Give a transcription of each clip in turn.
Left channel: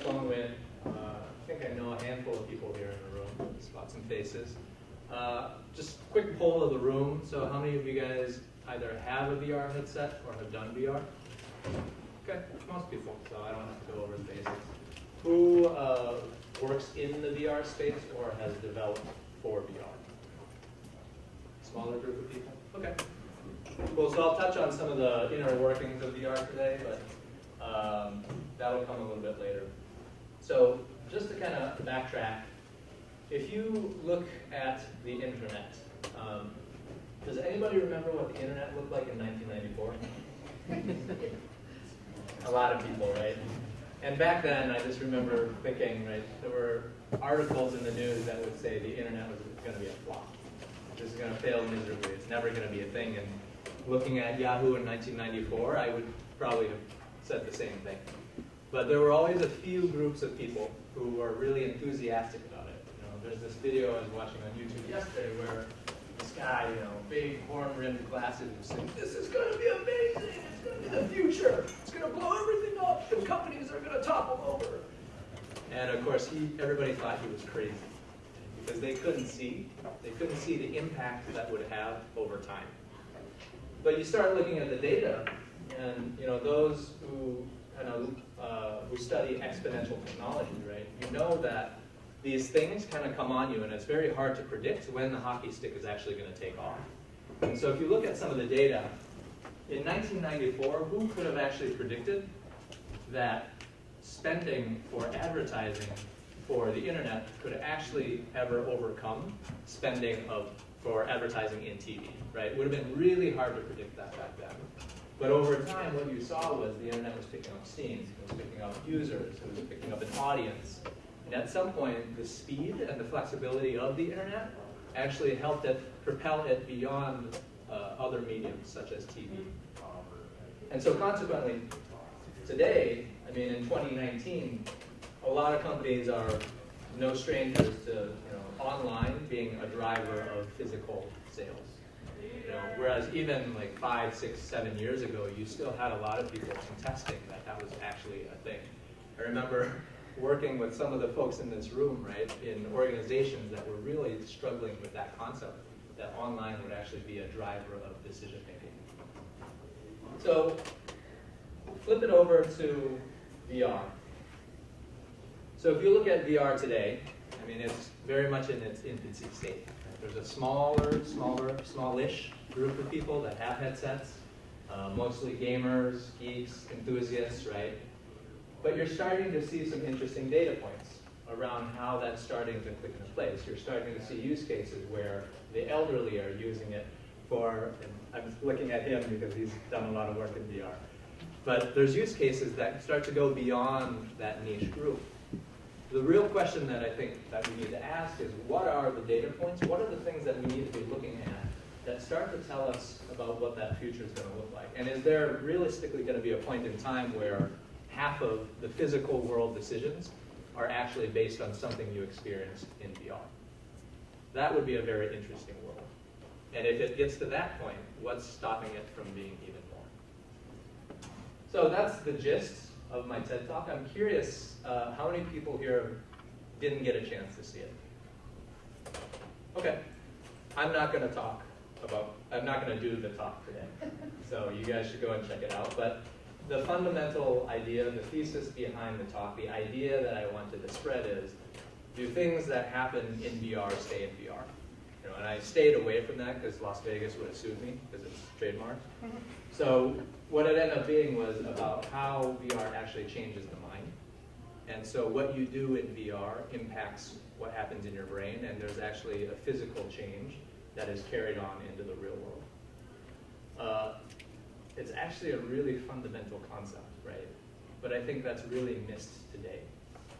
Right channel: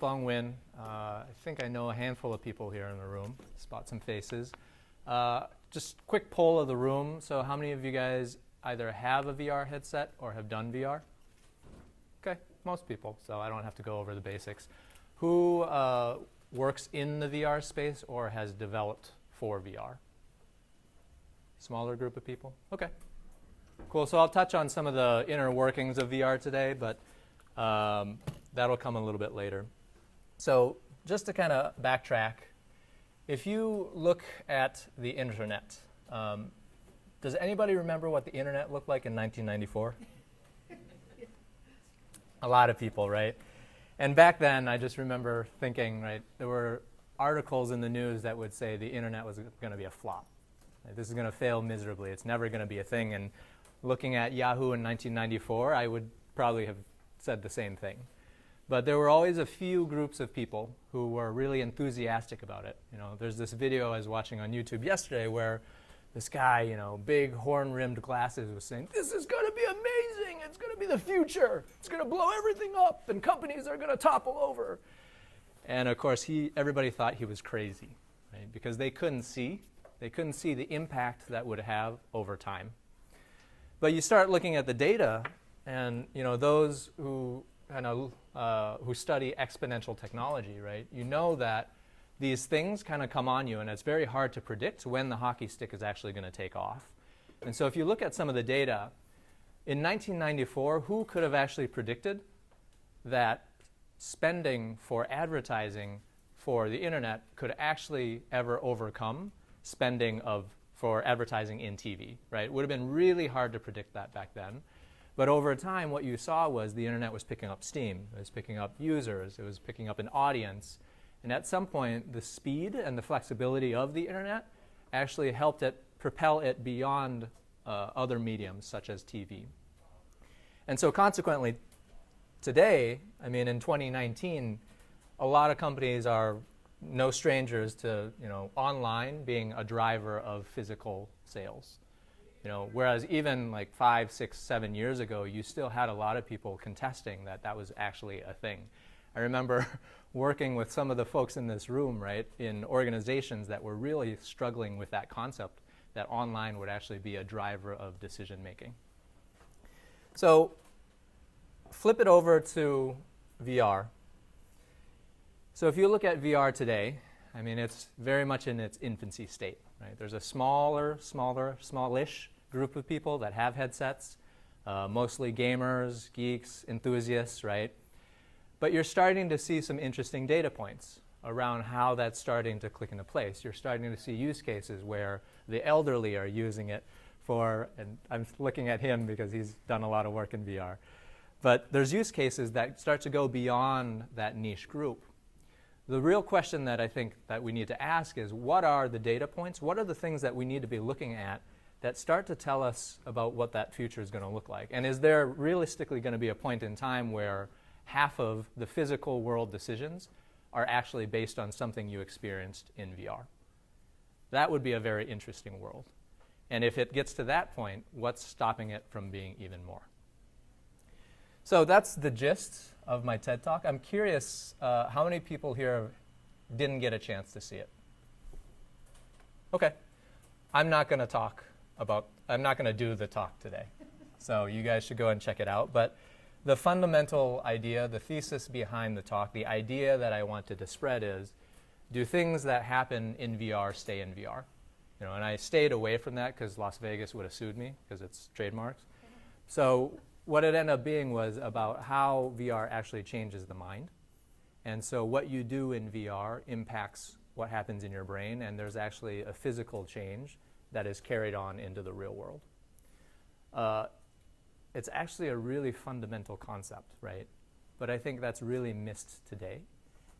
Feng Win. I think I know a handful of people here in the room. Spot some faces. Just quick poll of the room. So how many of you guys either have a VR headset or have done VR? Okay, most people, so I don't have to go over the basics. Who works in the VR space or has developed for VR? Smaller group of people? Okay. Cool, so I'll touch on some of the inner workings of VR today, but that'll come a little bit later. So just to kind of backtrack, if you look at the internet, does anybody remember what the internet looked like in 1994? A lot of people, right? And back then, I just remember thinking, right, there were articles in the news that would say the internet was going to be a flop. This is going to fail miserably. It's never going to be a thing. And looking at Yahoo in 1994, I would probably have said the same thing. But there were always a few groups of people who were really enthusiastic about it. You know, there's this video I was watching on YouTube yesterday where this guy, you know, big horn-rimmed glasses, was saying, "This is going to be amazing. It's going to be the future. It's going to blow everything up, and companies are going to topple over." And of course, everybody thought he was crazy, right? Because they couldn't see the impact that would have over time. But you start looking at the data, and you know those who who study exponential technology, right? You know that these things kind of come on you, and it's very hard to predict when the hockey stick is actually going to take off. And so if you look at some of the data, in 1994, who could have actually predicted that spending for advertising for the internet could actually ever overcome spending for advertising in TV, right? It would have been really hard to predict that back then. But over time, what you saw was the internet was picking up steam. It was picking up users. It was picking up an audience. And at some point, the speed and the flexibility of the internet actually helped it propel it beyond other mediums, such as TV. And so consequently, today, I mean, in 2019, a lot of companies are no strangers to, you know, online being a driver of physical sales. You know, whereas even like 5, 6, 7 years ago, you still had a lot of people contesting that was actually a thing. I remember working with some of the folks in this room, right, in organizations that were really struggling with that concept, that online would actually be a driver of decision making. So flip it over to VR. So if you look at VR today, I mean, it's very much in its infancy state. Right? There's a smallish group of people that have headsets, mostly gamers, geeks, enthusiasts, right? But you're starting to see some interesting data points around how that's starting to click into place. You're starting to see use cases where the elderly are using it for, and I'm looking at him because he's done a lot of work in VR. But there's use cases that start to go beyond that niche group. The real question that I think that we need to ask is, what are the data points? What are the things that we need to be looking at that start to tell us about what that future is going to look like? And is there realistically going to be a point in time where half of the physical world decisions are actually based on something you experienced in VR? That would be a very interesting world. And if it gets to that point, what's stopping it from being even more? So that's the gist of my TED Talk. I'm curious how many people here didn't get a chance to see it? Okay. I'm not going to do the talk today. So you guys should go and check it out. But the fundamental idea, the thesis behind the talk, the idea that I wanted to spread is, do things that happen in VR stay in VR? You know, and I stayed away from that because Las Vegas would have sued me because it's trademarked. So what it ended up being was about how VR actually changes the mind. And so what you do in VR impacts what happens in your brain, and there's actually a physical change that is carried on into the real world. It's actually a really fundamental concept, right? But I think that's really missed today.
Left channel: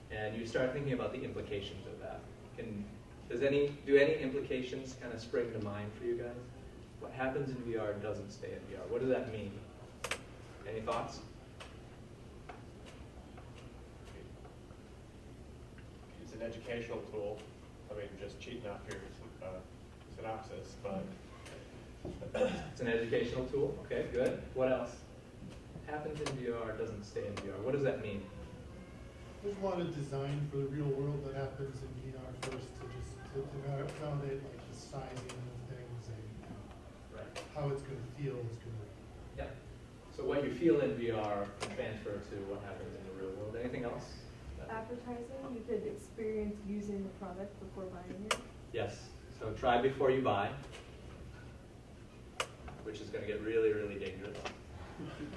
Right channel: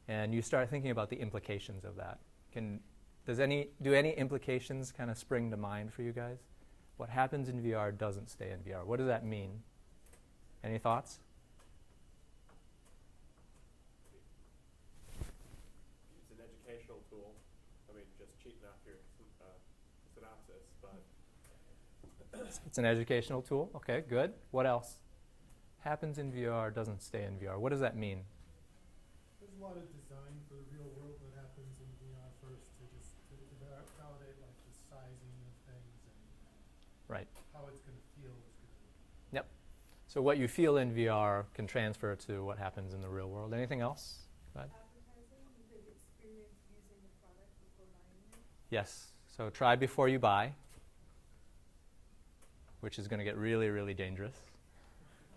And you start thinking about the implications of that. Do any implications kind of spring to mind for you guys? What happens in VR doesn't stay in VR. What does that mean? Any thoughts? It's an educational tool. I mean, just cheating up your synopsis, but it's an educational tool. Okay, good. What else? Happens in VR doesn't stay in VR. What does that mean? There's a lot of design for the real world that happens in VR first to validate like the sizing of things and Right. how it's going to feel is going to. Yep. So what you feel in VR can transfer to what happens in the real world. Anything else? Advertising, you could experience using the product before buying it. Yes. So try before you buy, which is going to get really, really dangerous.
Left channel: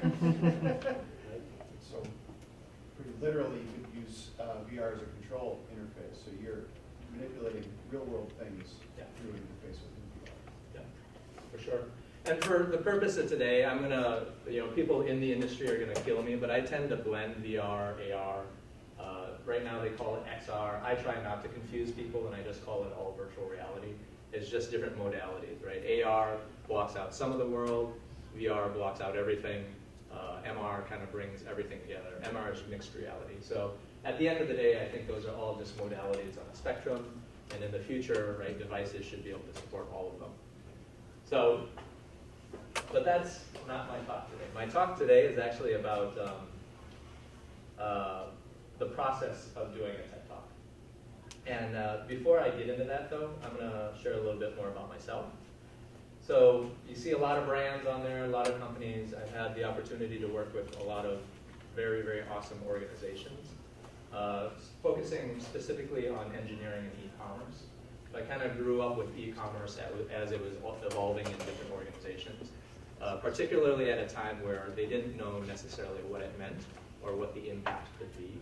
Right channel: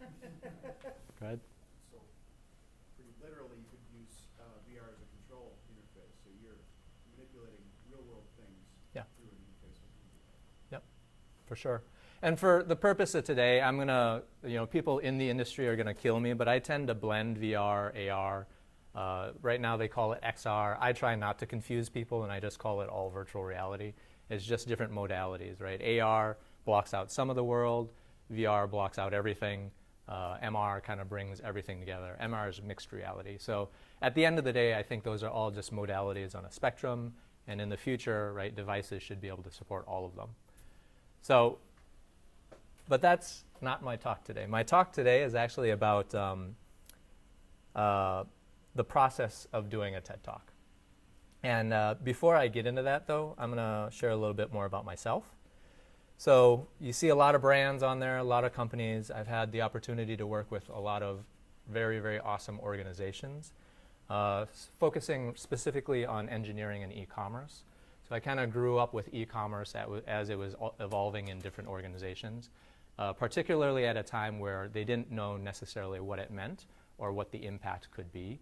Right? So pretty literally, you could use VR as a control interface. So you're manipulating real-world things Yeah. through an interface within VR. Yep, for sure. And for the purpose of today, I'm gonna, people in the industry are gonna kill me, but I tend to blend VR, AR. Right now they call it XR. I try not to confuse people, and I just call it all virtual reality. It's just different modalities, right? AR blocks out some of the world. VR blocks out everything. MR kind of brings everything together. MR is mixed reality. So at the end of the day, I think those are all just modalities on a spectrum. And in the future, right, devices should be able to support all of them. So, but that's not my talk today. My talk today is actually about the process of doing a TED Talk. And before I get into that, though, I'm going to share a little bit more about myself. So you see a lot of brands on there, a lot of companies. I've had the opportunity to work with a lot of very, very awesome organizations, focusing specifically on engineering and e-commerce. So I kind of grew up with e-commerce as it was evolving in different organizations, particularly at a time where they didn't know necessarily what it meant or what the impact could be.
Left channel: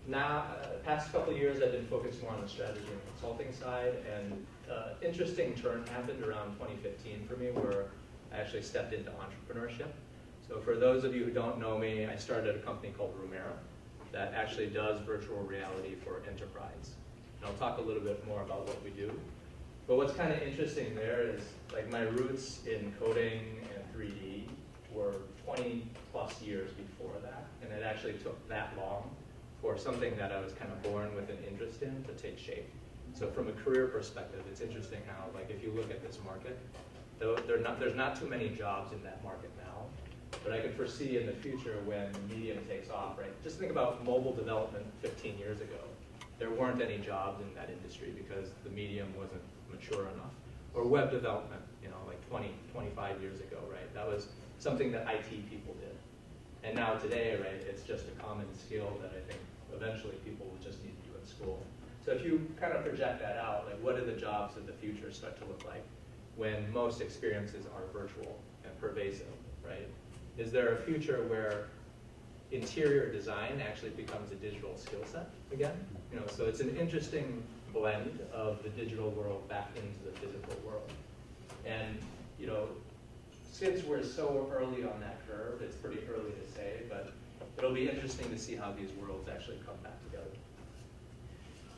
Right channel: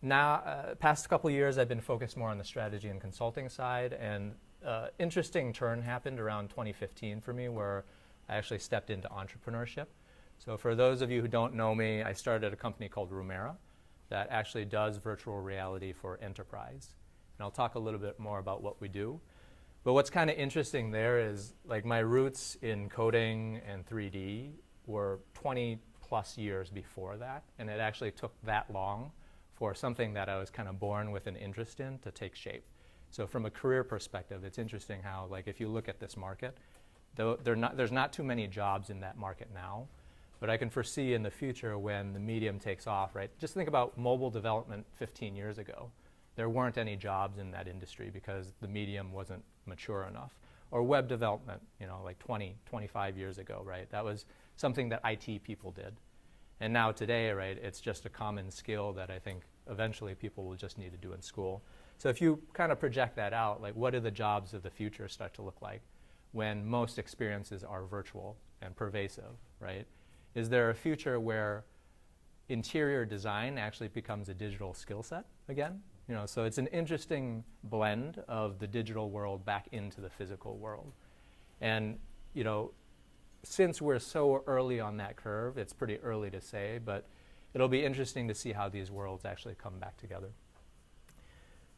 Now, past couple years, I've been focused more on the strategy and consulting side, and interesting turn happened around 2015 for me, where I actually stepped into entrepreneurship. So for those of you who don't know me, I started a company called Rumera that actually does virtual reality for enterprise. And I'll talk a little bit more about what we do. But what's kind of interesting there is, like, my roots in coding and 3D were 20 plus years before that, and it actually took that long for something that I was kind of born with an interest in to take shape. So from a career perspective, it's interesting how, like, if you look at this market, there's not too many jobs in that market now, but I can foresee in the future when the medium takes off, right? Just think about mobile development 15 years ago. There weren't any jobs in that industry because the medium wasn't mature enough. Or web development, like 20, 25 years ago, right? That was something that IT people did. And now today, right, it's just a common skill that I think eventually people will just need to do in school. So if you kind of project that out, like, what do the jobs of the future start to look like when most experiences are virtual and pervasive, right? Is there a future where interior design actually becomes a digital skill set again? So it's an interesting blend of the digital world back into the physical world. And, since we're so early on that curve, it's pretty early to say, but it'll be interesting to see how these worlds actually come back together.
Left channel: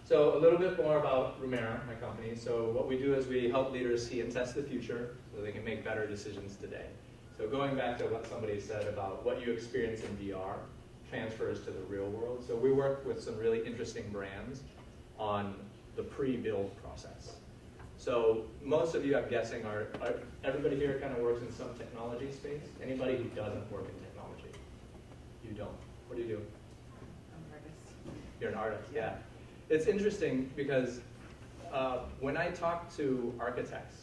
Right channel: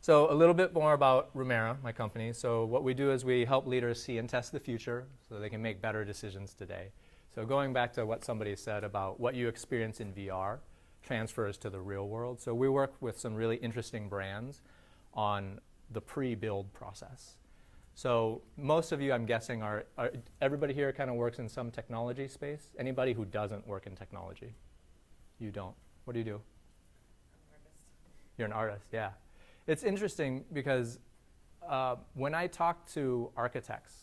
So a little bit more about Rumera, my company. So what we do is we help leaders see and test the future so they can make better decisions today. So going back to what somebody said about what you experience in VR transfers to the real world. So we work with some really interesting brands on the pre-build process. So most of you, I'm guessing, are everybody here kind of works in some technology space? Anybody who doesn't work in technology? You don't. What do you do? I'm an artist. You're an artist, yeah. It's interesting because when I talk to architects,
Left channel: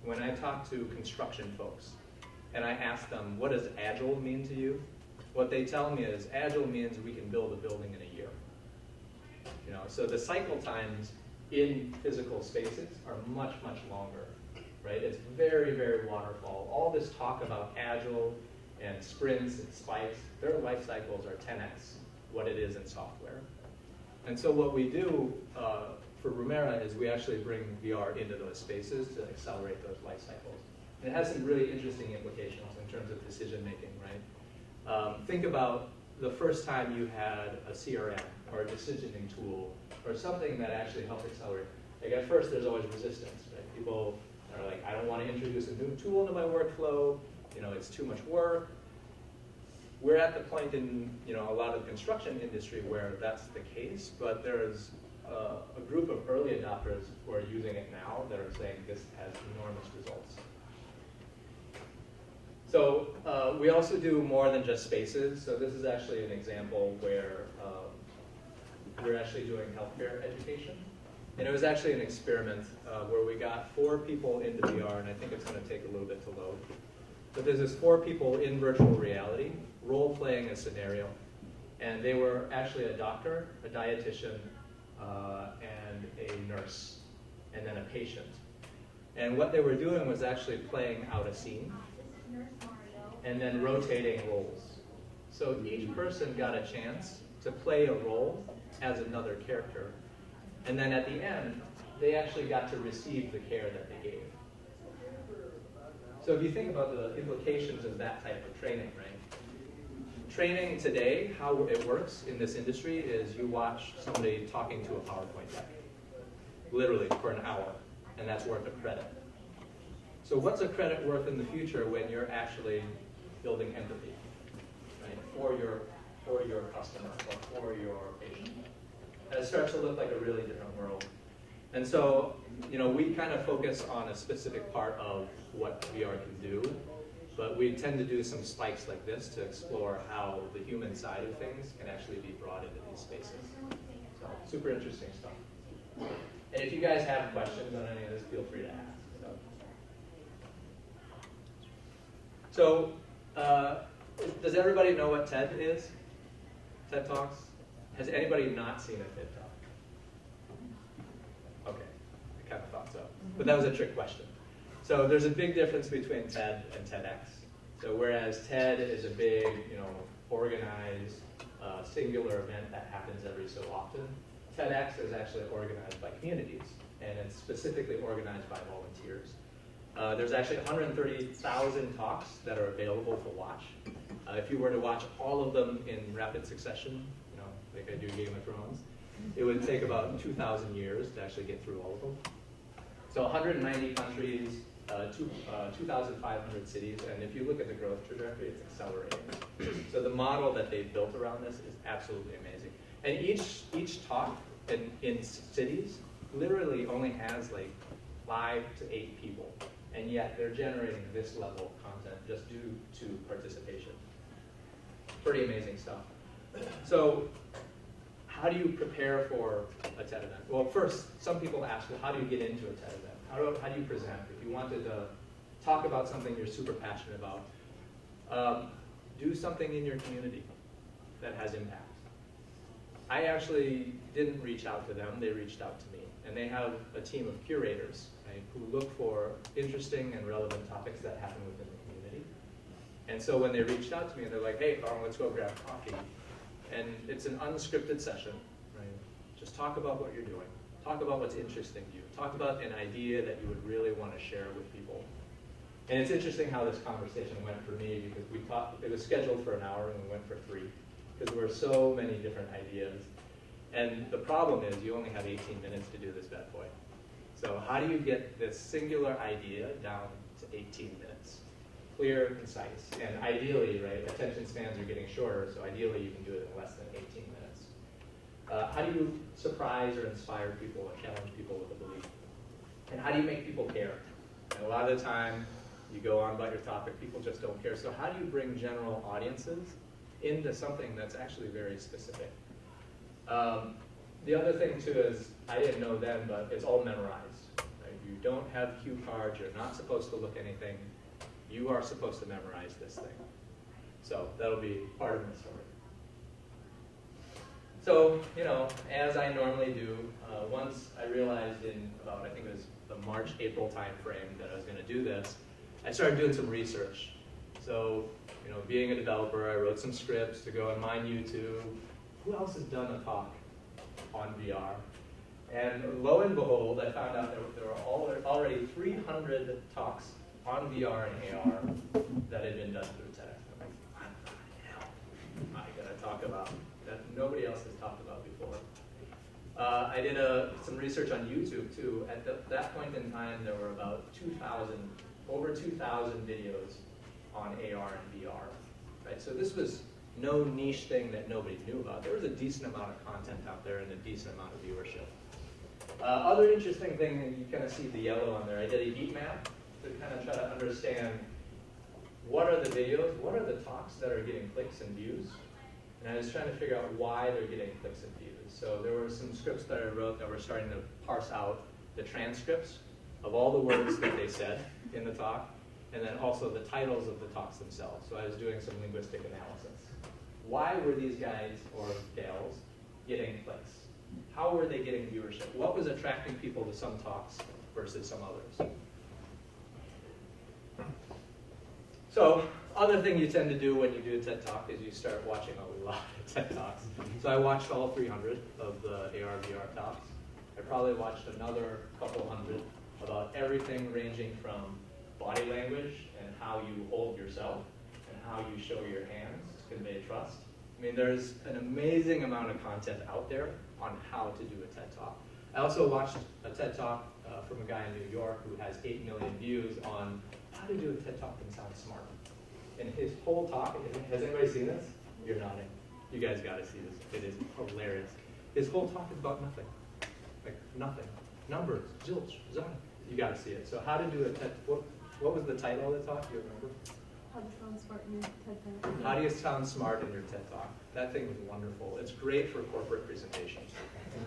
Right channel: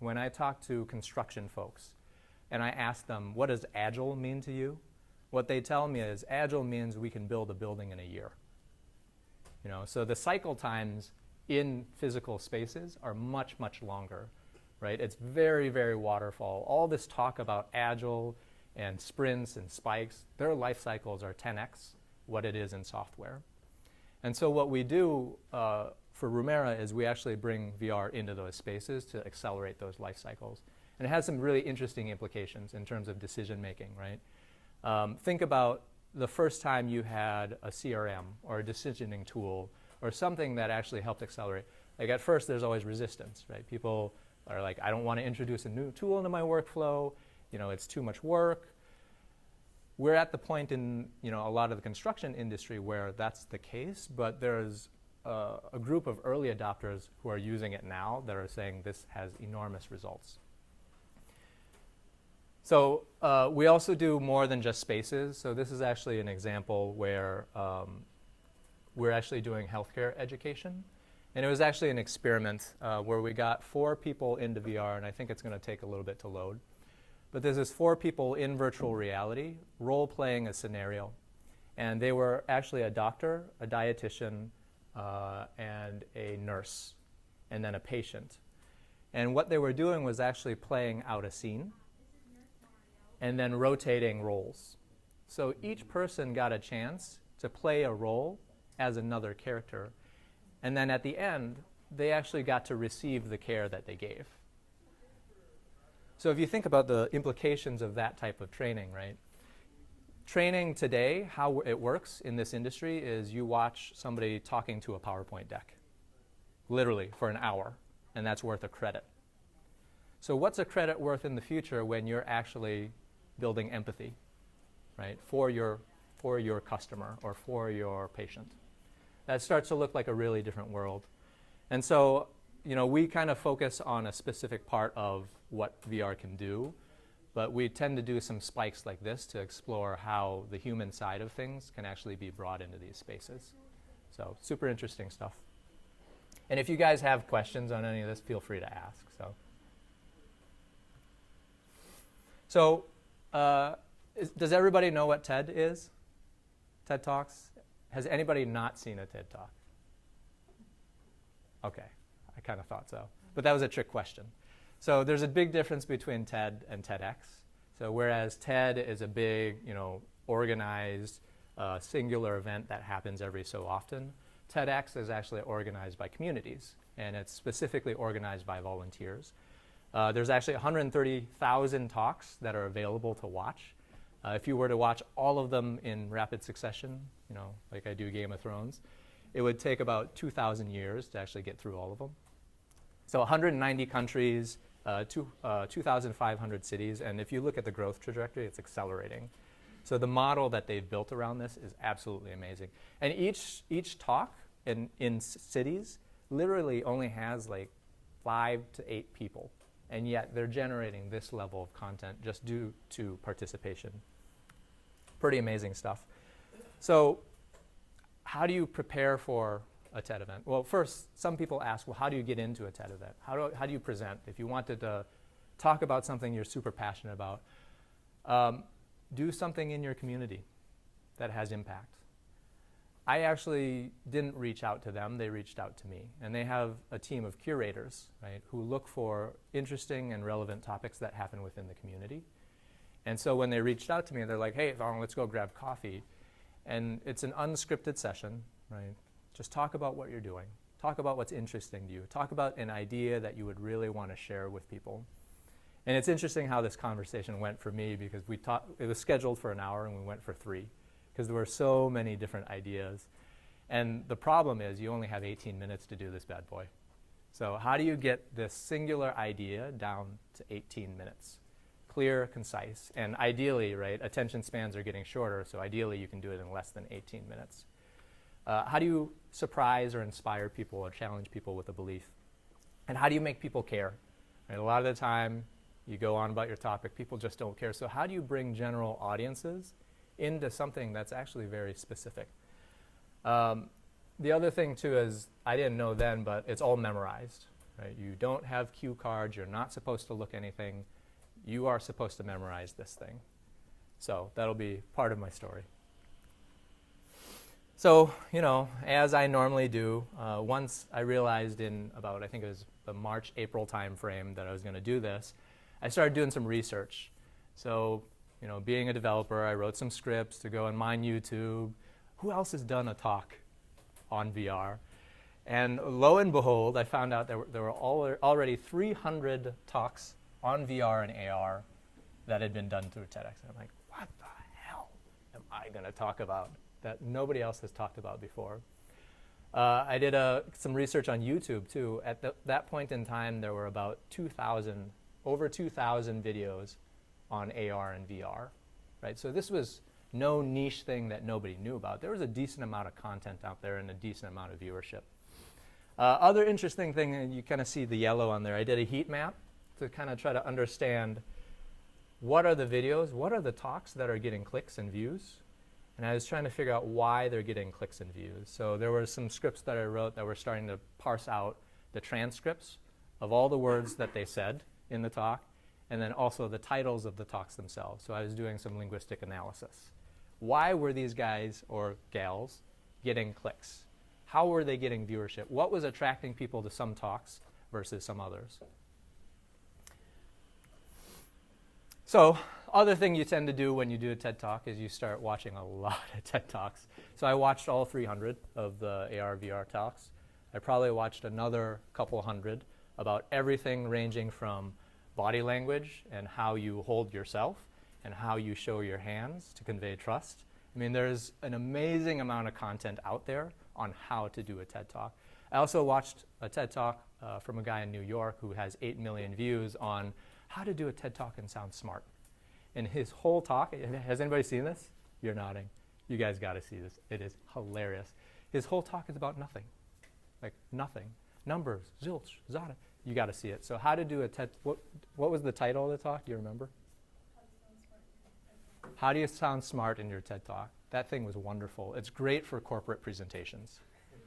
when I talk to construction folks, and I ask them, what does agile mean to you? What they tell me is, agile means we can build a building in a year. So the cycle times in physical spaces are much, much longer, right? It's very, very waterfall. All this talk about agile and sprints and spikes, their life cycles are 10x what it is in software. And so what we do for Rumera is we actually bring VR into those spaces to accelerate those life cycles. And it has some really interesting implications in terms of decision making, right? Think about the first time you had a CRM or a decisioning tool or something that actually helped accelerate. Like, at first there's always resistance, right? People are like, I don't want to introduce a new tool into my workflow, it's too much work. We're at the point in a lot of the construction industry where that's the case, but there's a group of early adopters who are using it now that are saying this has enormous results. So we also do more than just spaces. So this is actually an example where we're actually doing healthcare education. And it was actually an experiment where we got 4 people into VR, and I think it's going to take a little bit to load. But there's this 4 people in virtual reality role-playing a scenario. And they were actually a doctor, a dietitian, and a nurse, and then a patient. And what they were doing was actually playing out a scene and then rotating roles. So each person got a chance to play a role as another character. And then at the end, they actually got to receive the care that they gave. So if you think about the implications of that type of training, right? Training today, how it works in this industry is you watch somebody talking to a PowerPoint deck, literally for an hour, and that's worth a credit. So what's a credit worth in the future when you're actually building empathy, right, for your customer or for your patient? That starts to look like a really different world. And so, we kind of focus on a specific part of what VR can do, but we tend to do some spikes like this to explore how the human side of things can actually be brought into these spaces. So super interesting stuff. And if you guys have questions on any of this, feel free to ask. So does everybody know what TED is? TED Talks? Has anybody not seen a TED Talk? Okay, I kind of thought so. But that was a trick question. So there's a big difference between TED and TEDx. So whereas TED is a big, organized, singular event that happens every so often, TEDx is actually organized by communities, and it's specifically organized by volunteers. There's actually 130,000 talks that are available to watch. If you were to watch all of them in rapid succession, like I do Game of Thrones, it would take about 2,000 years to actually get through all of them. So 190 countries, 2,500 cities, and if you look at the growth trajectory, it's accelerating. So the model that they've built around this is absolutely amazing. And each talk in cities literally only has like 5 to 8 people, and yet they're generating this level of content just due to participation. Pretty amazing stuff. So how do you prepare for a TED event? Well, first, some people ask, well, how do you get into a TED event? How do you present? If you wanted to talk about something you're super passionate about, do something in your community that has impact. I actually didn't reach out to them, they reached out to me. And they have a team of curators, right, who look for interesting and relevant topics that happen within the community. And so when they reached out to me, they're like, hey, Thorn, let's go grab coffee. And it's an unscripted session, right? Just talk about what you're doing. Talk about what's interesting to you. Talk about an idea that you would really want to share with people. And it's interesting how this conversation went for me because it was scheduled for an hour and we went for 3 because there were so many different ideas. And the problem is you only have 18 minutes to do this bad boy. So how do you get this singular idea down to 18 minutes? Clear, concise, and ideally, right, attention spans are getting shorter, so ideally you can do it in less than 18 minutes. How do you surprise or inspire people or challenge people with a belief? And how do you make people care? And a lot of the time, you go on about your topic, people just don't care. So how do you bring general audiences into something that's actually very specific? The other thing, too, is I didn't know then, but it's all memorized. Right? You don't have cue cards. You're not supposed to look anything. You are supposed to memorize this thing. So that'll be part of my story. So, as I normally do, once I realized in about, I think it was the March, April time frame that I was going to do this, I started doing some research. So, being a developer, I wrote some scripts to go on my YouTube. Who else has done a talk on VR? And lo and behold, I found out there were already 300 talks on VR and AR that had been done through TEDx. I'm like, what the hell am I going to talk about that nobody else has talked about before? I did some research on YouTube too. At that point in time, there were about over 2,000 videos on AR and VR, right? So this was no niche thing that nobody knew about. There was a decent amount of content out there and a decent amount of viewership. Other interesting thing, and you kind of see the yellow on there, I did a heat map to kind of try to understand what are the videos, what are the talks that are getting clicks and views? And I was trying to figure out why they're getting clicks and views. So there were some scripts that I wrote that were starting to parse out the transcripts of all the words that they said in the talk, and then also the titles of the talks themselves. So I was doing some linguistic analysis. Why were these guys or gals getting clicks? How were they getting viewership? What was attracting people to some talks versus some others? So, other thing you tend to do when you do a TED Talk is you start watching a lot of TED Talks. So I watched all 300 of the AR/VR talks. I probably watched another couple hundred about everything ranging from body language and how you hold yourself and how you show your hands to convey trust. I mean, there's an amazing amount of content out there on how to do a TED Talk. I also watched a TED Talk from a guy in New York who has 8 million views on how to do a TED Talk and sound smart. And his whole talk, has anybody seen this? You're nodding. You guys gotta see this. It is hilarious. His whole talk is about nothing. Like nothing. Numbers, zilch, zada. You gotta see it. So how to do a TED, what was the title of the talk? Do you remember? How to sound smart in your TED Talk. How do you sound smart in your TED Talk? That thing was wonderful. It's great for corporate presentations.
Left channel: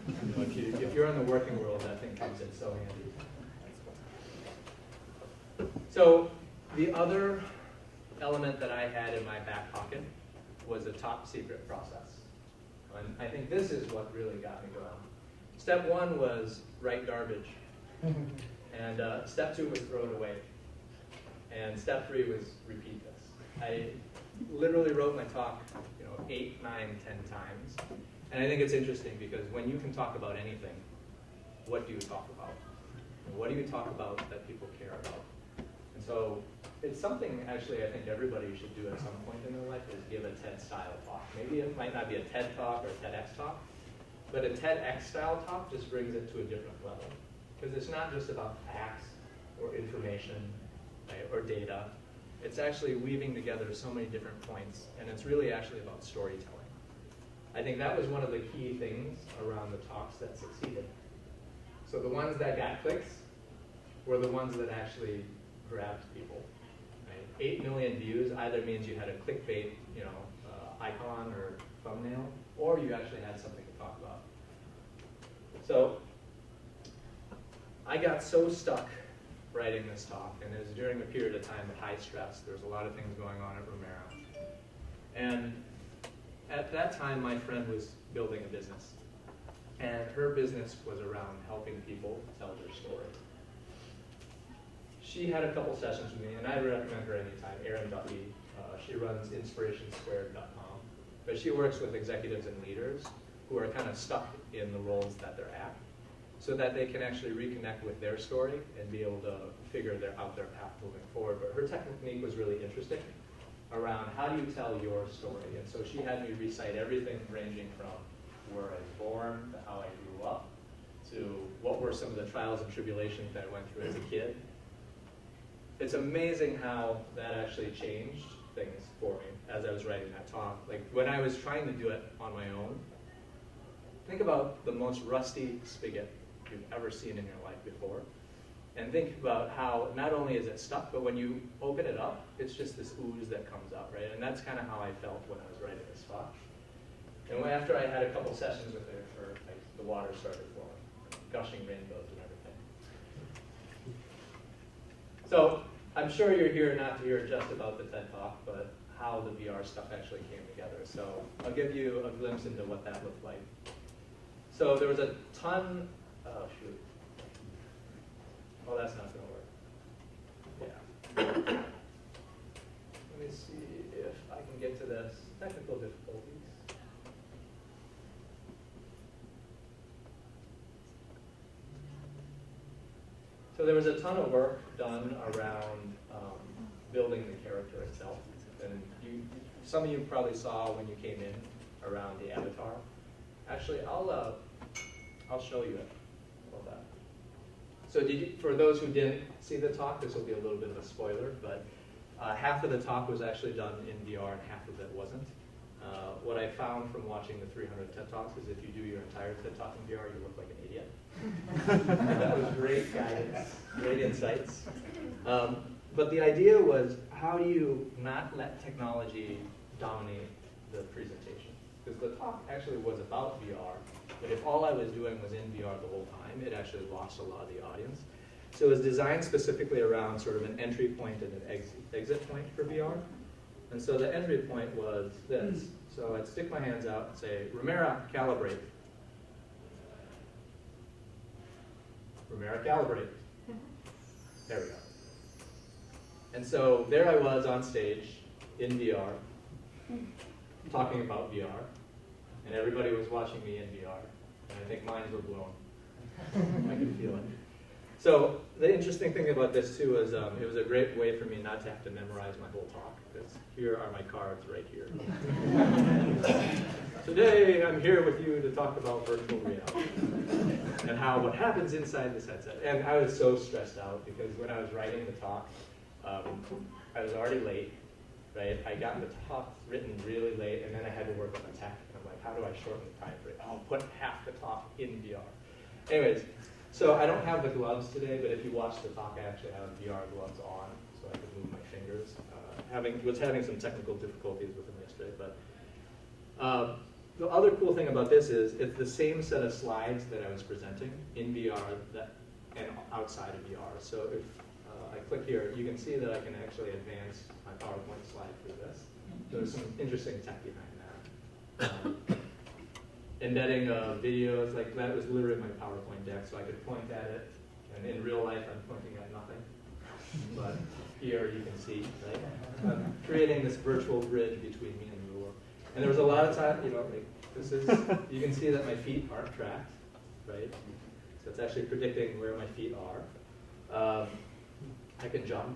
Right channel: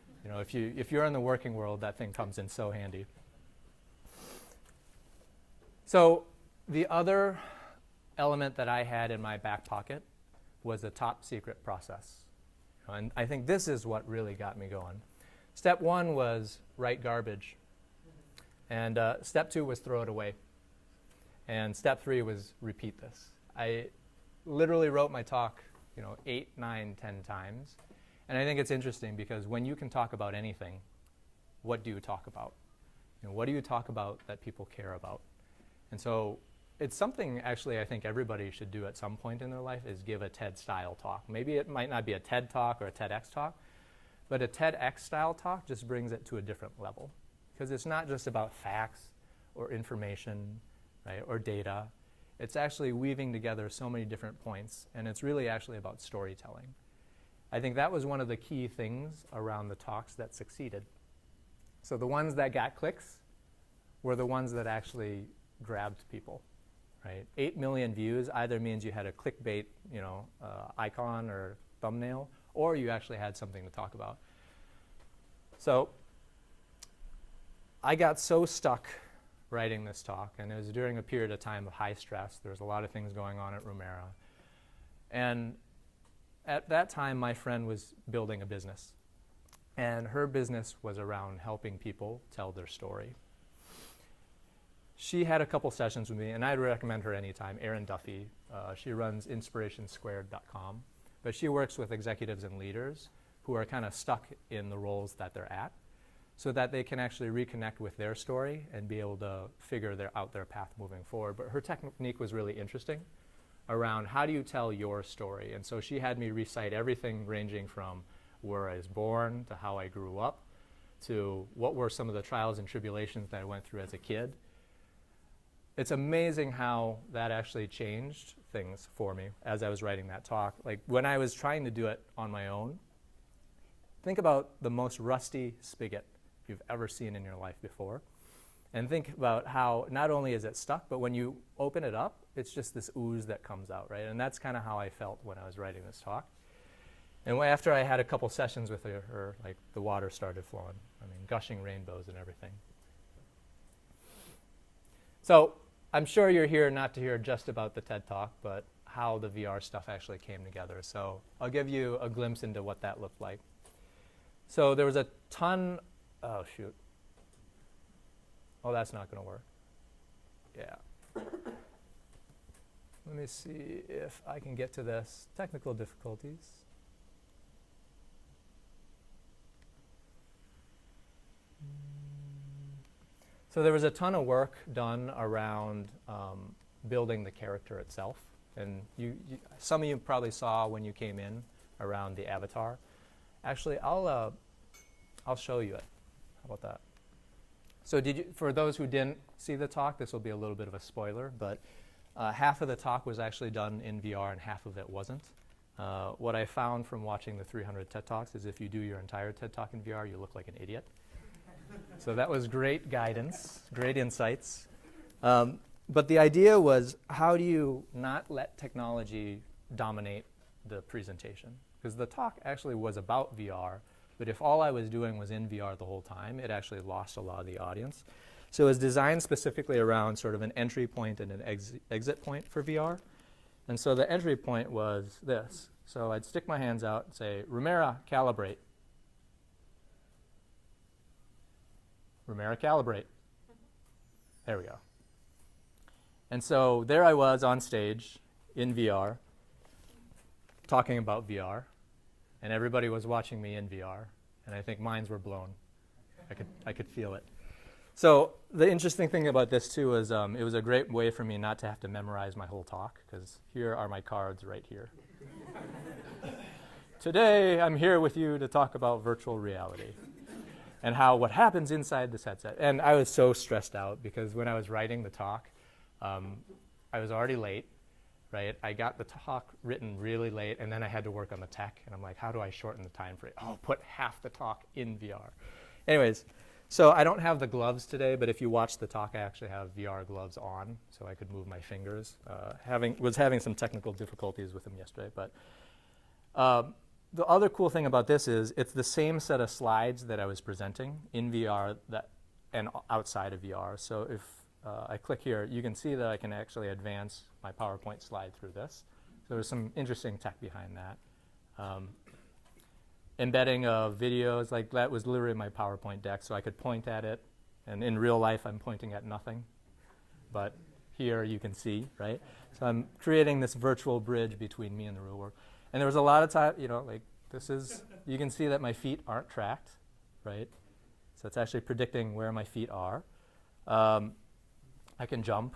You know, if you're in the working world, that thing comes in so handy. So the other element that I had in my back pocket was a top secret process. And I think this is what really got me going. Step 1 was write garbage. And step 2 was throw it away. And step 3 was repeat this. I literally wrote my talk, 8, 9, 10 times. And I think it's interesting because when you can talk about anything, what do you talk about? And what do you talk about that people care about? And so it's something actually I think everybody should do at some point in their life is give a TED-style talk. Maybe it might not be a TED Talk or a TEDx talk, but a TEDx-style talk just brings it to a different level. Because it's not just about facts or information, right, or data. It's actually weaving together so many different points, and it's really actually about storytelling. I think that was one of the key things around the talks that succeeded. So the ones that got clicks were the ones that actually grabbed people. Right? 8 million views either means you had a clickbait, icon or thumbnail, or you actually had something to talk about. So I got so stuck writing this talk, and it was during a period of time of high stress. There was a lot of things going on at Romero. And at that time, my friend was building a business. And her business was around helping people tell their story. She had a couple sessions with me, and I'd recommend her anytime, Erin Duffy. She runs inspirationsquared.com. But she works with executives and leaders who are kind of stuck in the roles that they're at, so that they can actually reconnect with their story and be able to figure out their path moving forward. But her technique was really interesting around how do you tell your story. And so she had me recite everything ranging from where I was born to how I grew up to what were some of the trials and tribulations that I went through as a kid. It's amazing how that actually changed things for me as I was writing that talk. Like when I was trying to do it on my own, think about the most rusty spigot you've ever seen in your life before. And think about how not only is it stuck, but when you open it up, it's just this ooze that comes out, right? And that's kind of how I felt when I was writing this talk. And after I had a couple sessions with her, like the water started flowing, and gushing rainbows and everything. So I'm sure you're here not to hear just about the TED Talk, but how the VR stuff actually came together. So I'll give you a glimpse into what that looked like. So there was a ton, oh shoot. Oh, that's not gonna work. Yeah. Let me see if I can get to this. Technical difficulties. So there was a ton of work done around building the character itself. And some of you probably saw when you came in around the avatar. Actually, I'll show you it. How about that? So for those who didn't see the talk, this will be a little bit of a spoiler, but half of the talk was actually done in VR and half of it wasn't. What I found from watching the 300 TED Talks is if you do your entire TED Talk in VR, you look like an idiot. So that was great guidance, great insights. But the idea was, how do you not let technology dominate the presentation? Because the talk actually was about VR, but if all I was doing was in VR the whole time, it actually lost a lot of the audience. So it was designed specifically around sort of an entry point and an exit point for VR. And so the entry point was this. So I'd stick my hands out and say, Romera, calibrate. Romera, calibrate. There we go. And so there I was on stage in VR, talking about VR, and everybody was watching me in VR, and I think minds were blown. I could feel it. So the interesting thing about this too is it was a great way for me not to have to memorize my whole talk, because here are my cards right here. Today I'm here with you to talk about virtual reality and how what happens inside this headset. And I was so stressed out because when I was writing the talk, I was already late, right? I got the talk written really late, and then I had to work on the tech, and I'm like, how do I shorten the time for it? Oh, put half the talk in VR. Anyways, so I don't have the gloves today, but if you watch the talk, I actually have VR gloves on, so I could move my fingers. Was having some technical difficulties with them yesterday, but the other cool thing about this is it's the same set of slides that I was presenting in VR and outside of VR. So if I click here, you can see that I can actually advance my PowerPoint slide through this. So there's some interesting tech behind that. Embedding videos, like that was literally my PowerPoint deck, so I could point at it. And in real life, I'm pointing at nothing. But here you can see, right? So I'm creating this virtual bridge between me and the ruler. And there was a lot of time, like this is, you can see that my feet aren't tracked, right? So it's actually predicting where my feet are. I can jump.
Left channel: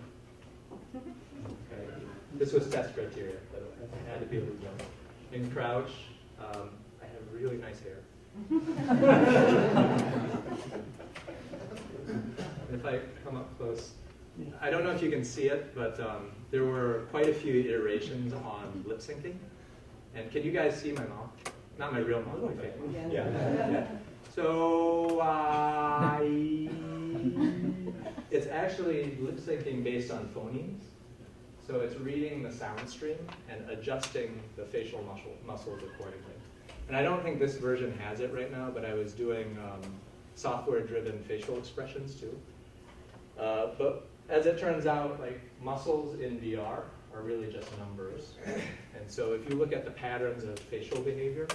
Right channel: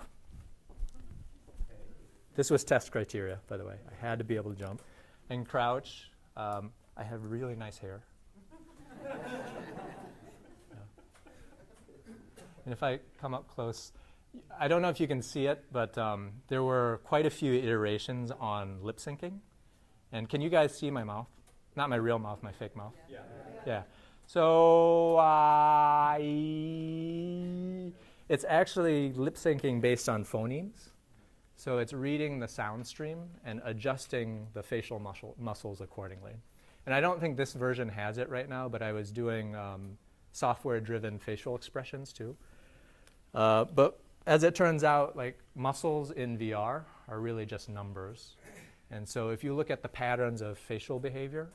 This was test criteria, by the way. I had to be able to jump. And crouch. I have really nice hair. If I come up close, I don't know if you can see it, but there were quite a few iterations on lip syncing. And can you guys see my mouth? Not my real mouth, my fake mouth. Yeah. So it's actually lip syncing based on phonemes. So it's reading the sound stream and adjusting the facial muscles accordingly. And I don't think this version has it right now, but I was doing software-driven facial expressions too. But as it turns out, like muscles in VR are really just numbers. And so if you look at the patterns of facial behavior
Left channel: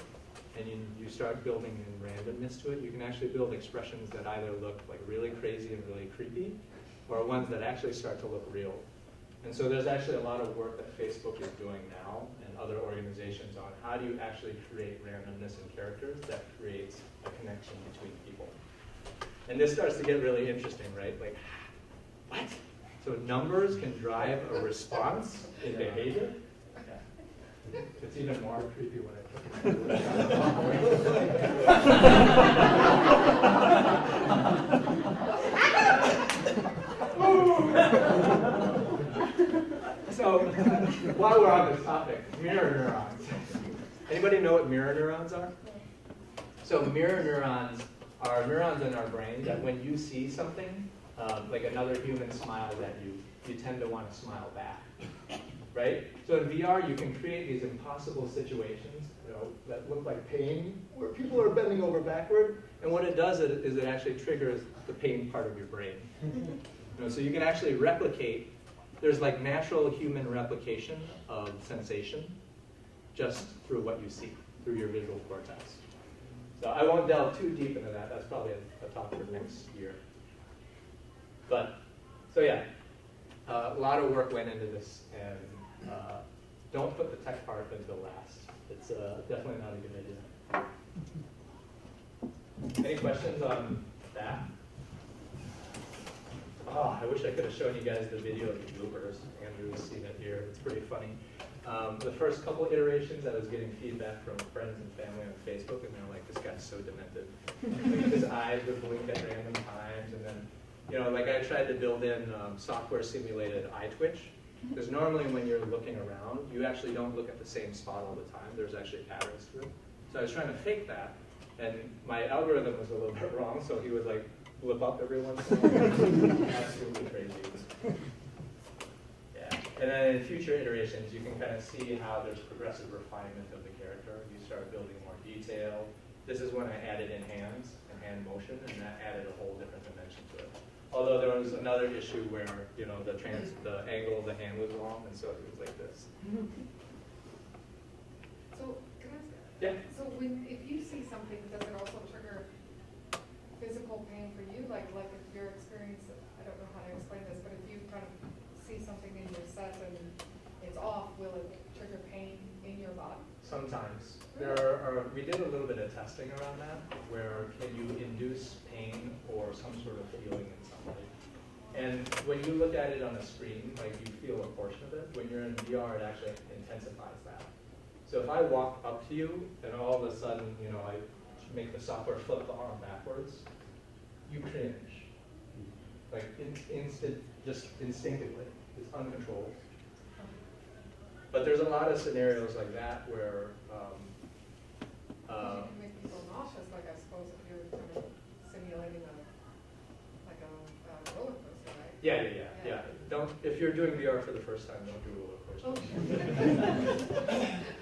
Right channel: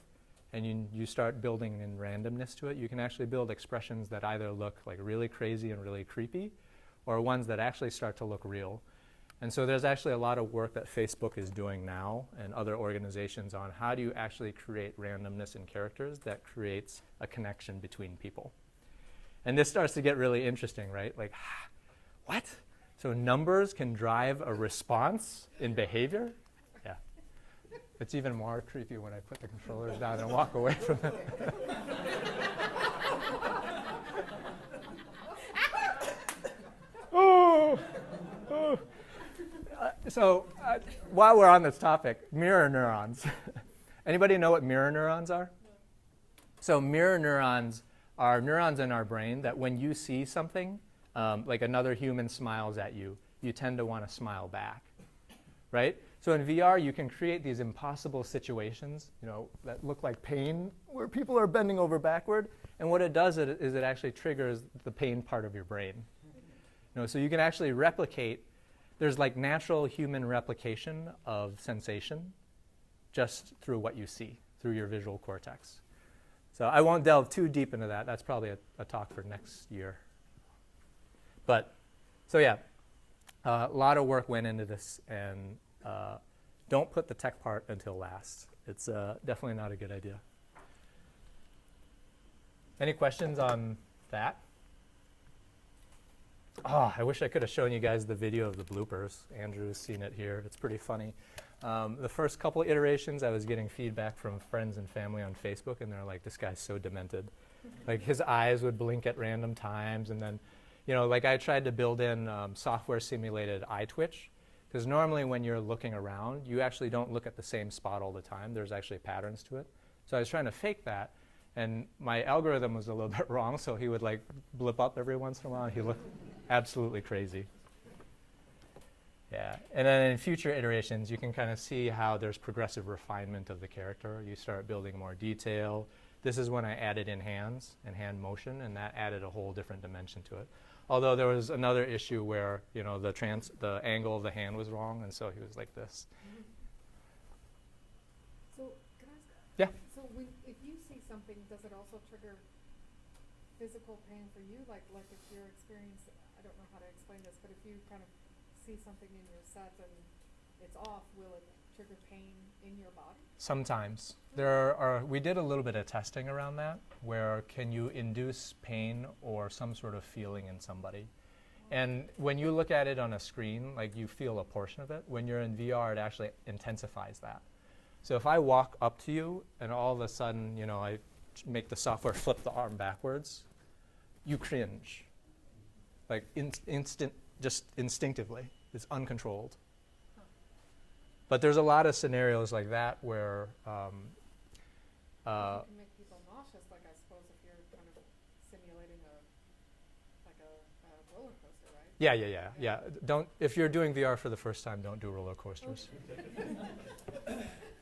and you start building in randomness to it, you can actually build expressions that either look like really crazy and really creepy or ones that actually start to look real. And so there's actually a lot of work that Facebook is doing now and other organizations on how do you actually create randomness in characters that creates a connection between people. And this starts to get really interesting, right? Like, what? So numbers can drive a response in behavior? Yeah. It's even more creepy when I put the down and walk away So while we're on this topic, mirror neurons. Anybody know what mirror neurons are? So mirror neurons are neurons in our brain that when you see something, like another human smiles at you, you tend to want to smile back, right? So in VR, you can create these impossible situations, that look like pain, where people are bending over backward, and what it does is it actually triggers the pain part of your brain. So you can actually replicate. There's like natural human replication of sensation just through what you see, through your visual cortex. So I won't delve too deep into that. That's probably a talk for next year. But, so yeah, a lot of work went into this, and don't put the tech part until last. It's definitely not a good idea. Any questions on that? Oh, I wish I could have shown you guys the video of the bloopers. Andrew's seen it here. It's pretty funny. The first couple iterations, I was getting feedback from friends and family on Facebook, and they're like, this guy's so demented. Like, his eyes would blink at random times, and then, like I tried to build in software-simulated eye twitch, because normally when you're looking around, you actually don't look at the same spot all the time. There's actually patterns to it. So I was trying to fake that, and my algorithm was a little bit wrong, so he would like blip up every once in a while. Absolutely crazy. And then in future iterations, you can kind of see how there's progressive refinement of the character. You start building more detail. This is when I added in hands and hand motion, and that added a whole different dimension to it. Although there was another issue where, you know, the angle of the hand was wrong, and so it was like this. So, can I ask? Yeah. So if you see something, does it also trigger physical pain for you? Like if your experience, I don't know how to explain this, but if you kind of see something in your set and it's off, will it trigger pain in your body? Sometimes. We did a little bit of testing around that, where can you induce pain or some sort of feeling in somebody. And when you look at it on a screen, like you feel a portion of it. When you're in VR, it actually intensifies that. So if I walk up to you and all of a sudden, you know, I make the software flip the arm backwards, you cringe. Like just instinctively. It's uncontrolled. But there's a lot of scenarios like that where It can make people nauseous, like I suppose if you're kind of simulating a roller coaster, right? Yeah. If you're doing VR for the first time, don't do roller coasters.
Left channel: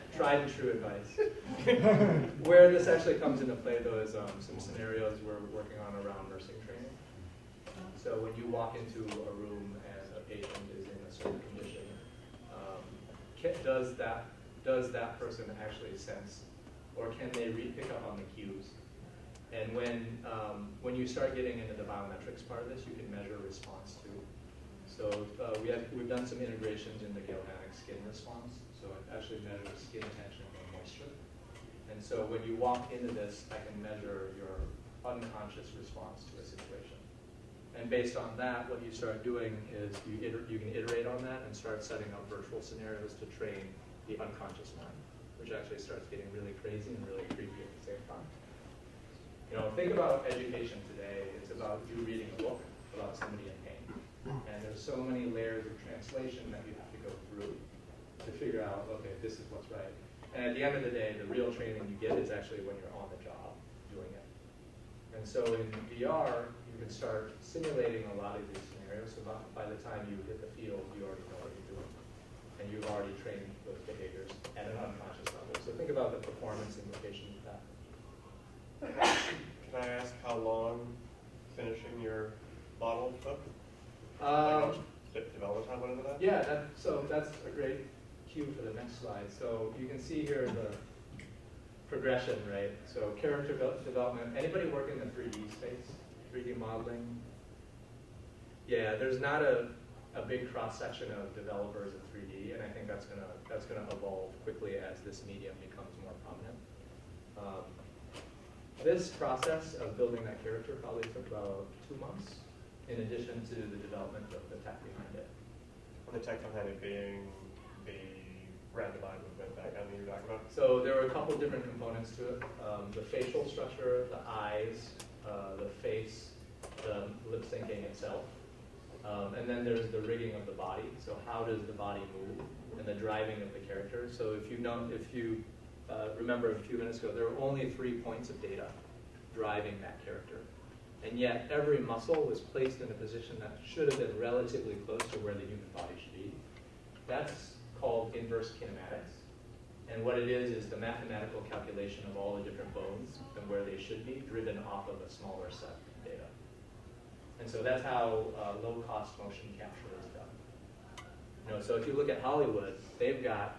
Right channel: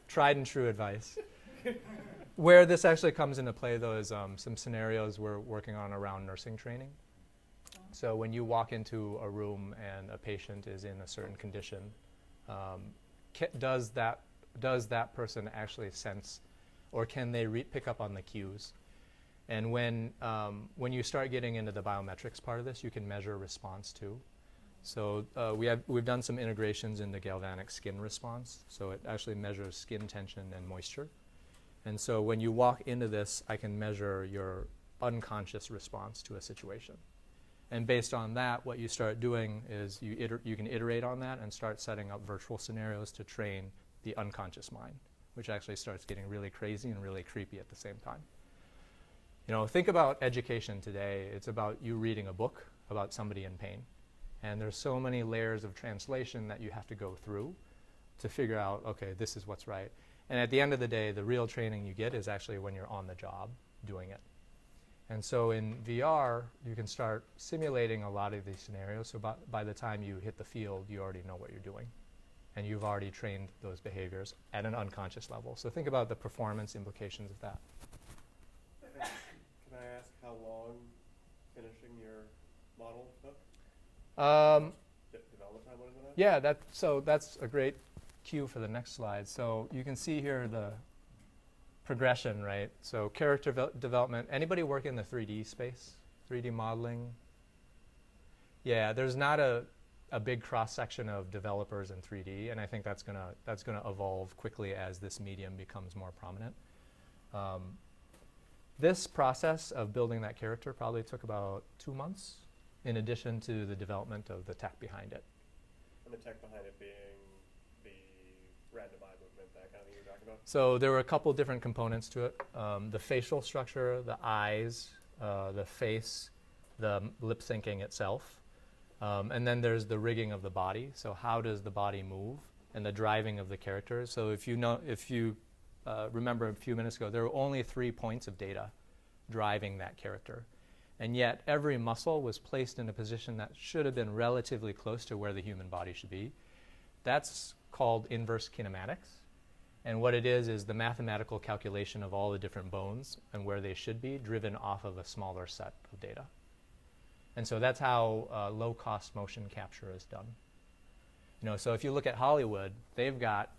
Tried and true advice. Where this actually comes into play, though, is some scenarios we're working on around nursing training. So when you walk into a room and a patient is in a certain condition, does that person actually sense, or can they pick up on the cues? And when you start getting into the biometrics part of this, you can measure response too. So we've done some integrations in the galvanic skin response. So it actually measures skin tension and moisture. And so when you walk into this, I can measure your unconscious response to a situation. And based on that, what you start doing is you can iterate on that and start setting up virtual scenarios to train the unconscious mind, which actually starts getting really crazy and really creepy at the same time. You know, think about education today. It's about you reading a book about somebody in pain. And there's so many layers of translation that you have to go through to figure out, okay, this is what's right. And at the end of the day, the real training you get is actually when you're on the job doing it. And so in VR, you can start simulating a lot of these scenarios. So by the time you hit the field, you already know what you're doing. And you've already trained those behaviors at an unconscious level. So think about the performance implications of that. Can I ask how long finishing your model took? Development time went into that? Yeah, that's a great cue for the next slide. So you can see here the progression, right? So character development. Anybody work in the 3D space? 3D modeling? Yeah, there's not a big cross-section of developers in 3D, and I think that's gonna evolve quickly as this medium becomes more prominent. This process of building that character probably took about 2 months, in addition to the development of the tech behind it. And the tech behind it being the roundabout movement, that kind of thing you're talking about? So there were a couple different components to it. The facial structure, the eyes, the face, the lip syncing itself. And then there's the rigging of the body. So how does the body move and the driving of the character? So if you remember a few minutes ago, there were only 3 points of data driving that character. And yet every muscle was placed in a position that should have been relatively close to where the human body should be. That's called inverse kinematics. And what it is the mathematical calculation of all the different bones and where they should be, driven off of a smaller set of data. And so that's how low-cost motion capture is done. You know, so if you look at Hollywood, they've got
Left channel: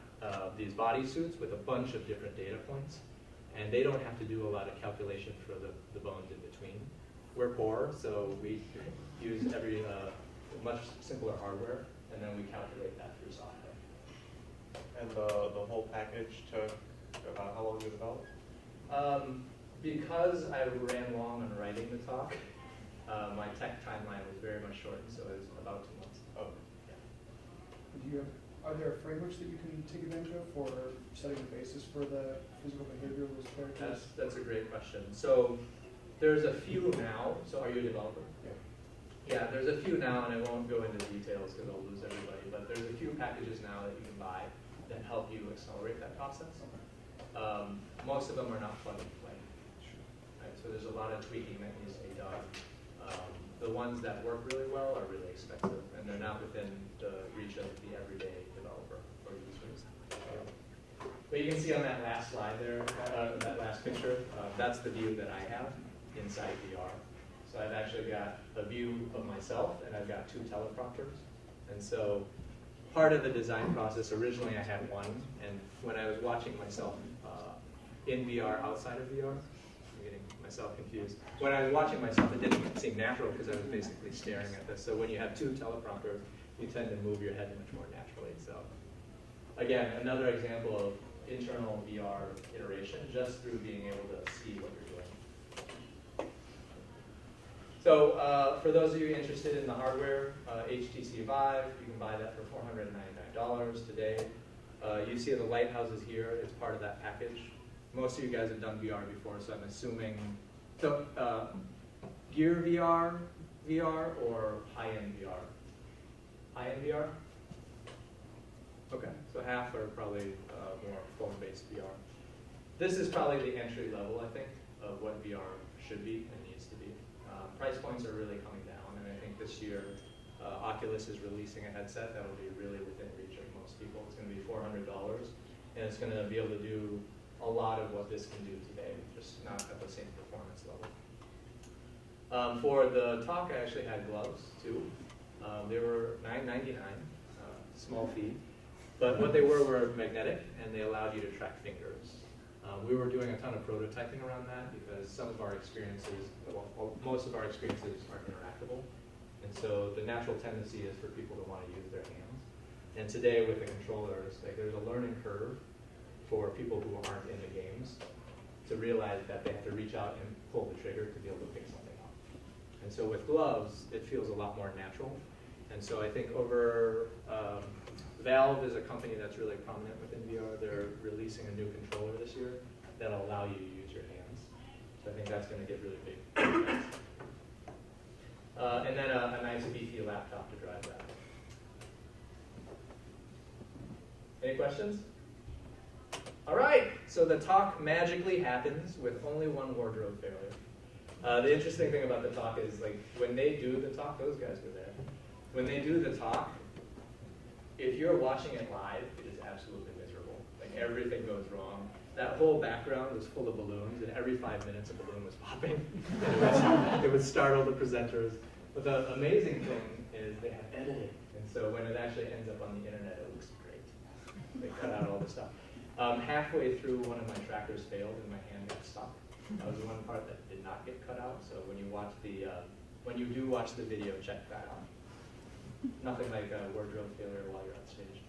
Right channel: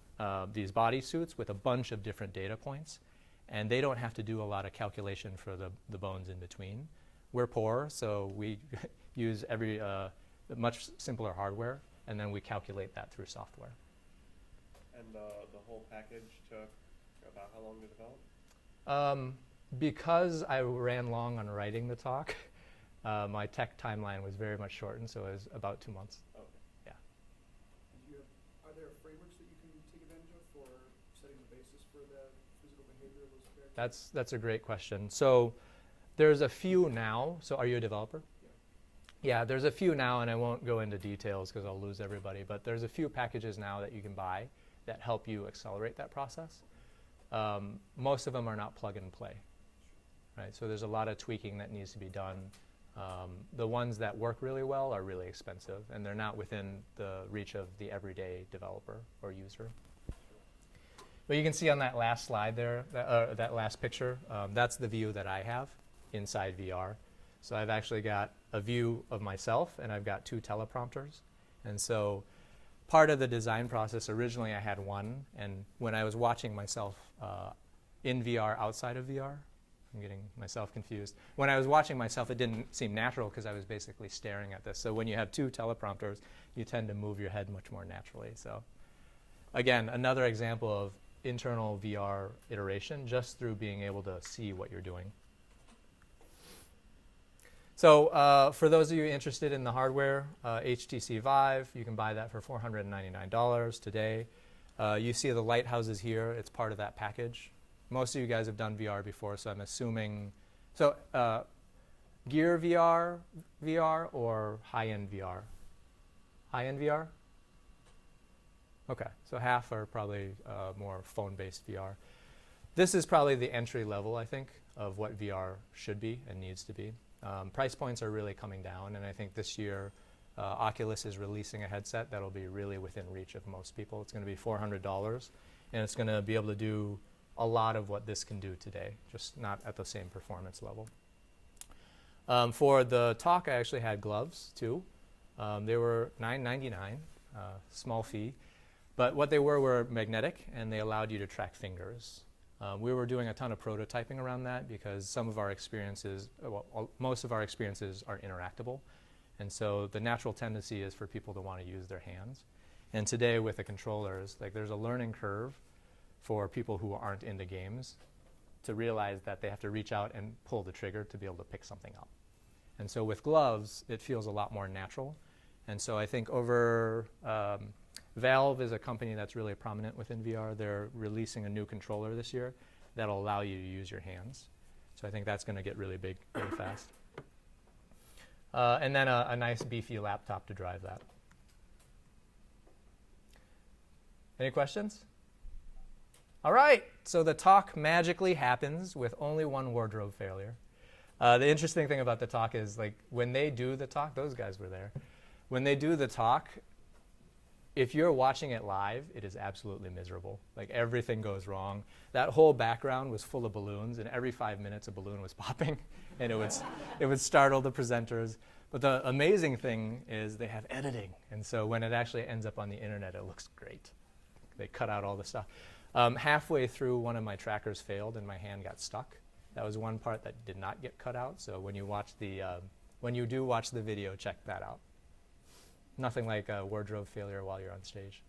these bodysuits with a bunch of different data points, and they don't have to do a lot of calculation for the bones in between. We're poor, so we use much simpler hardware, and then we calculate that through software. And the whole package took about how long to develop? Because I ran long on writing the talk, my tech timeline was very much shortened, so it was about 2 months. Oh. Yeah. Are there frameworks that you can take advantage of for setting the basis for the physical behavior of those characters? That's a great question. So there's a few now. So are you a developer? Yeah. Yeah, there's a few now, and I won't go into details because I'll lose everybody, but there's a few packages now that you can buy that help you accelerate that process. Most of them are not plug and play. Right? So there's a lot of tweaking that needs to be done. The ones that work really well are really expensive, and they're not within the reach of the everyday developer or users. But you can see on that last slide there, that last picture, that's the view that I have inside VR. So I've actually got a view of myself, and I've got 2 teleprompters. And so part of the design process, originally I had one, and when I was watching myself in VR, outside of VR, I'm getting myself confused. When I was watching myself, it didn't seem natural because I was basically staring at this. So when you have 2 teleprompters, you tend to move your head much more naturally. So again, another example of internal VR iteration just through being able to see what you're doing. So for those of you interested in the hardware, HTC Vive, you can buy that for $499 today. You see the lighthouses here. It's part of that package. Most of you guys have done VR before, so I'm assuming. So Gear VR or high-end VR? High-end VR? Okay, so half are probably more phone-based VR. This is probably the entry level, I think, of what VR should be and needs to be. Price points are really coming down, and I think this year Oculus is releasing a headset that will be really within reach of most people. It's going to be $400, and it's going to be able to do a lot of what this can do today, just not at the same performance level. For the talk, I actually had gloves too. They were $9.99, small fee. But what they were magnetic, and they allowed you to track fingers. We were doing a ton of prototyping around that because some of our experiences, well, most of our experiences are interactable. And so the natural tendency is for people to want to use their hands. And today with the controllers, like there's a learning curve for people who aren't into games to realize that they have to reach out and pull the trigger to be able to pick something up. And so with gloves, it feels a lot more natural. And so I think over, Valve is a company that's really prominent within VR. They're releasing a new controller this year that'll allow you to use your hands. So I think that's going to get really big really fast. And then a nice beefy laptop to drive that. Any questions? All right, so the talk magically happens with only one wardrobe failure. The interesting thing about the talk is, like, when they do the talk, those guys were there. When they do the talk, if you're watching it live, it is absolutely miserable. Like, everything goes wrong. That whole background was full of balloons, and every 5 minutes a balloon was popping, and it would startle the presenters. But the amazing thing is they have editing, and so when it actually ends up on the internet, it looks great. They cut out all the stuff. Halfway through, one of my trackers failed, and my hand got stuck. That was one part that did not get cut out. So when you watch the, when you do watch the video, check that out. Nothing like a wardrobe failure while you're on stage.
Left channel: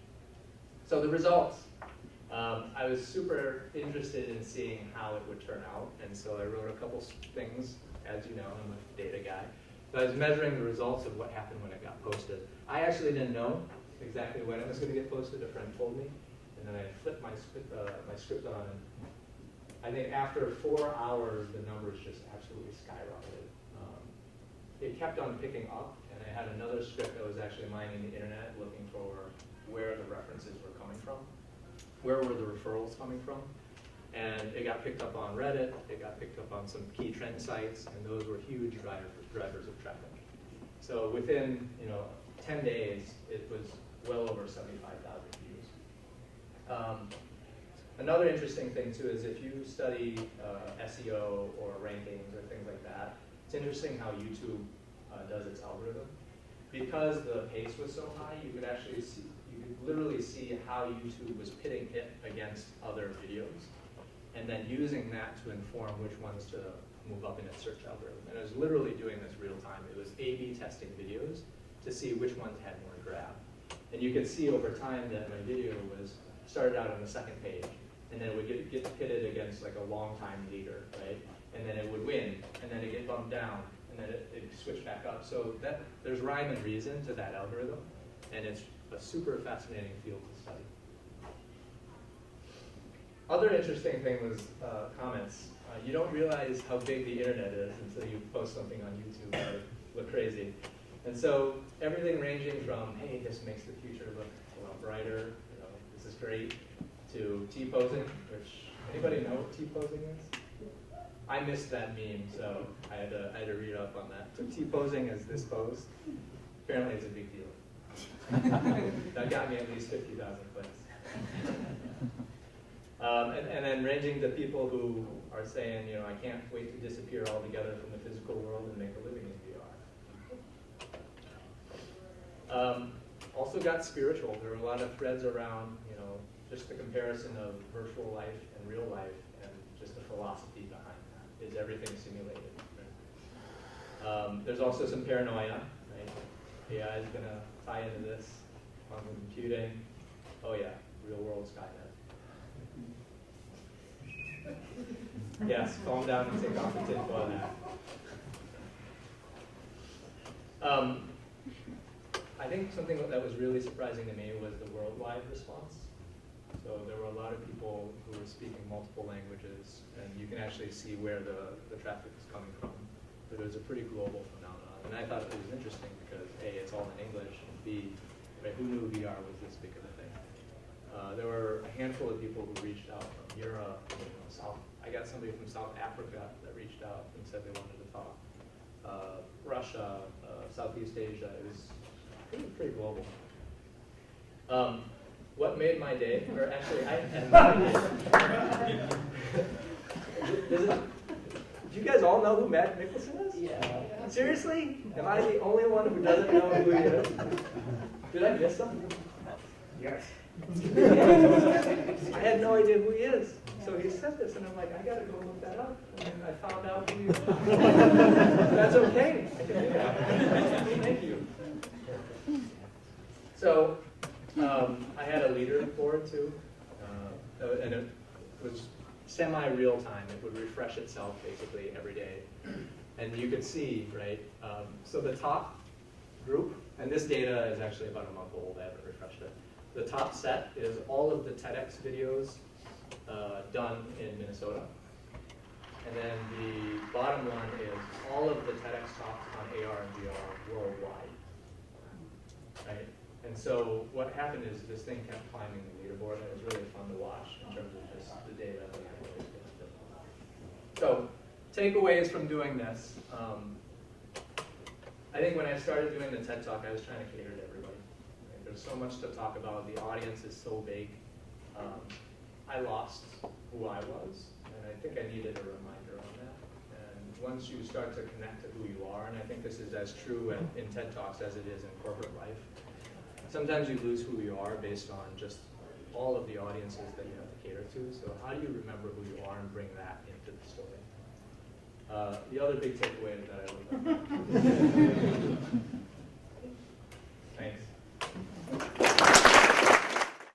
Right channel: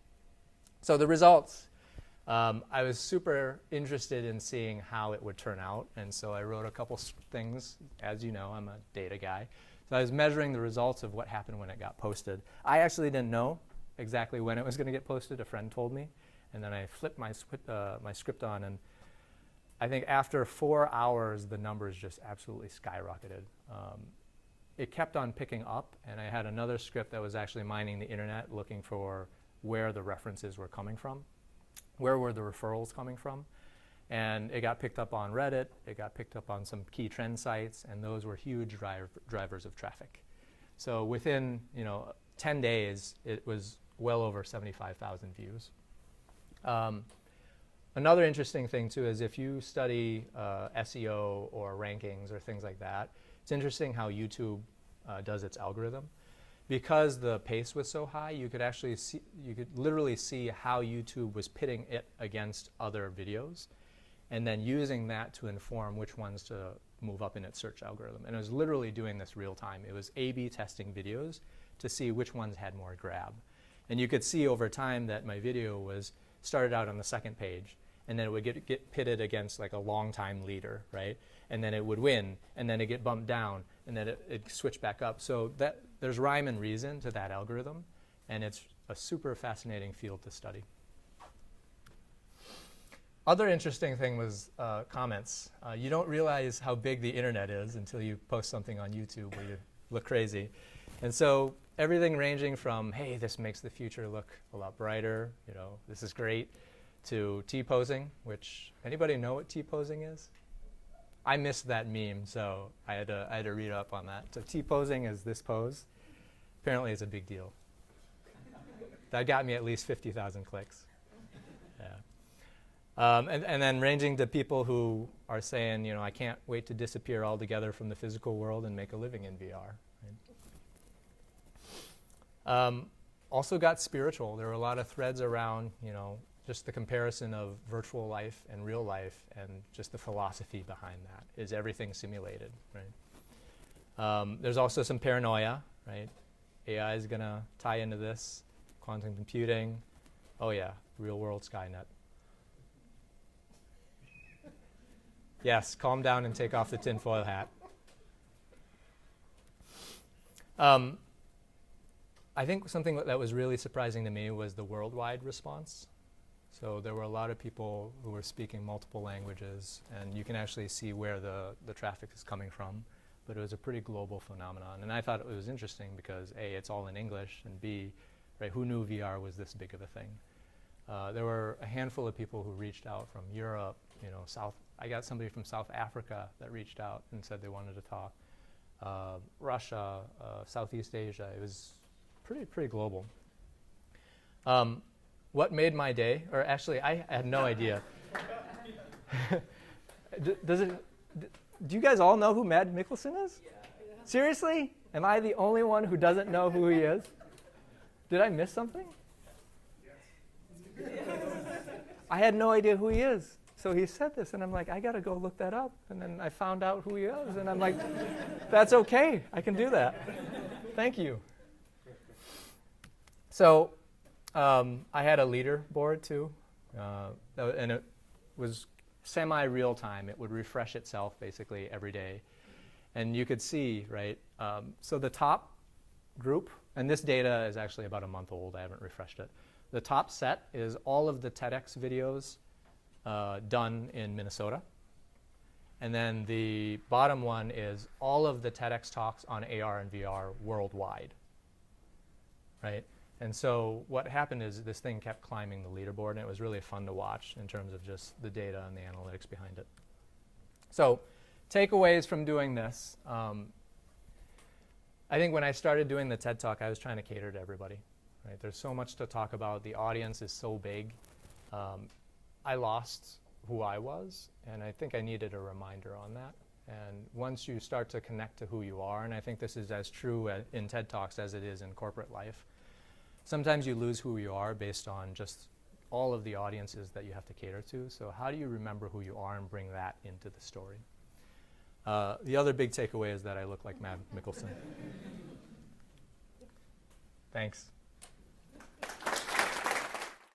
So the results. I was super interested in seeing how it would turn out, and so I wrote a couple things. As you know, I'm a data guy. So I was measuring the results of what happened when it got posted. I actually didn't know exactly when it was going to get posted. A friend told me, and then I flipped my script on, and I think after 4 hours, the numbers just absolutely skyrocketed. It kept on picking up, and I had another script that was actually mining the internet, looking for where the references were coming from, where were the referrals coming from, and it got picked up on Reddit, it got picked up on some key trend sites, and those were huge drivers of traffic. So within 10 days, it was well over 75,000 views. Another interesting thing too is if you study SEO or rankings or things like that, it's interesting how YouTube does its algorithm. Because the pace was so high, you could actually see, you could literally see how YouTube was pitting it against other videos, and then using that to inform which ones to move up in its search algorithm. And it was literally doing this real time. It was A/B testing videos to see which ones had more grab. And you could see over time that my video started out on the second page, and then it would get pitted against like a long-time leader, right? And then it would win, and then it get bumped down, and then it switched back up. So there's rhyme and reason to that algorithm, and it's a super fascinating field to study. Other interesting thing was comments. You don't realize how big the internet is until you post something on YouTube or look crazy. And so everything ranging from, hey, this makes the future look a lot brighter, this is great, to T-posing, which, anybody know what T-posing is? I missed that meme, so I had to read up on that. So T-posing is this pose. Apparently it's a big deal. That got me at least 50,000 clicks. Yeah. And then ranging to people who are saying, you know, I can't wait to disappear altogether from the physical world and make a living in VR. Also got spiritual. There were a lot of threads around, you know, just the comparison of virtual life and real life and just the philosophy behind that. Is everything simulated? Right? There's also some paranoia, right? AI is going to tie into this. Quantum computing. Oh yeah, real world Skynet. Yes, calm down and take off the tinfoil hat. I think something that was really surprising to me was the worldwide response. So there were a lot of people who were speaking multiple languages, and you can actually see where the traffic is coming from. But it was a pretty global phenomenon. And I thought it was interesting because A, it's all in English, and B, right, who knew VR was this big of a thing? There were a handful of people who reached out from Europe, you know, I got somebody from South Africa that reached out and said they wanted to talk. Russia, Southeast Asia, it was pretty global. What made my day, or actually I had no idea. Do you guys all know who Matt Nicholson is? Yeah. Seriously? Am I the only one who doesn't know who he is? Did I miss something? Yes. I had no idea who he is. So he said this, and I'm like, I gotta go look that up. And then I found out who he is. That's okay. I can do that. Thank you. So I had a leaderboard too, and it was semi-real time. It would refresh itself basically every day. And you could see, right, so the top group, and this data is actually about a month old, I haven't refreshed it. The top set is all of the TEDx videos done in Minnesota. And then the bottom one is all of the TEDx talks on AR and VR worldwide, right? And so what happened is this thing kept climbing the leaderboard, and it was really fun to watch in terms of just the data and the analytics behind it. So takeaways from doing this. I think when I started doing the TED Talk, I was trying to cater to everybody. Right? There's so much to talk about. The audience is so big. I lost who I was, and I think I needed a reminder on that. And once you start to connect to who you are, and I think this is as true in TED Talks as it is in corporate life, sometimes you lose who you are based on just all of the audiences that you have to cater to. So how do you remember who you are and bring that into the story? The other big takeaway is that I look like Matt Nicholson. Thanks.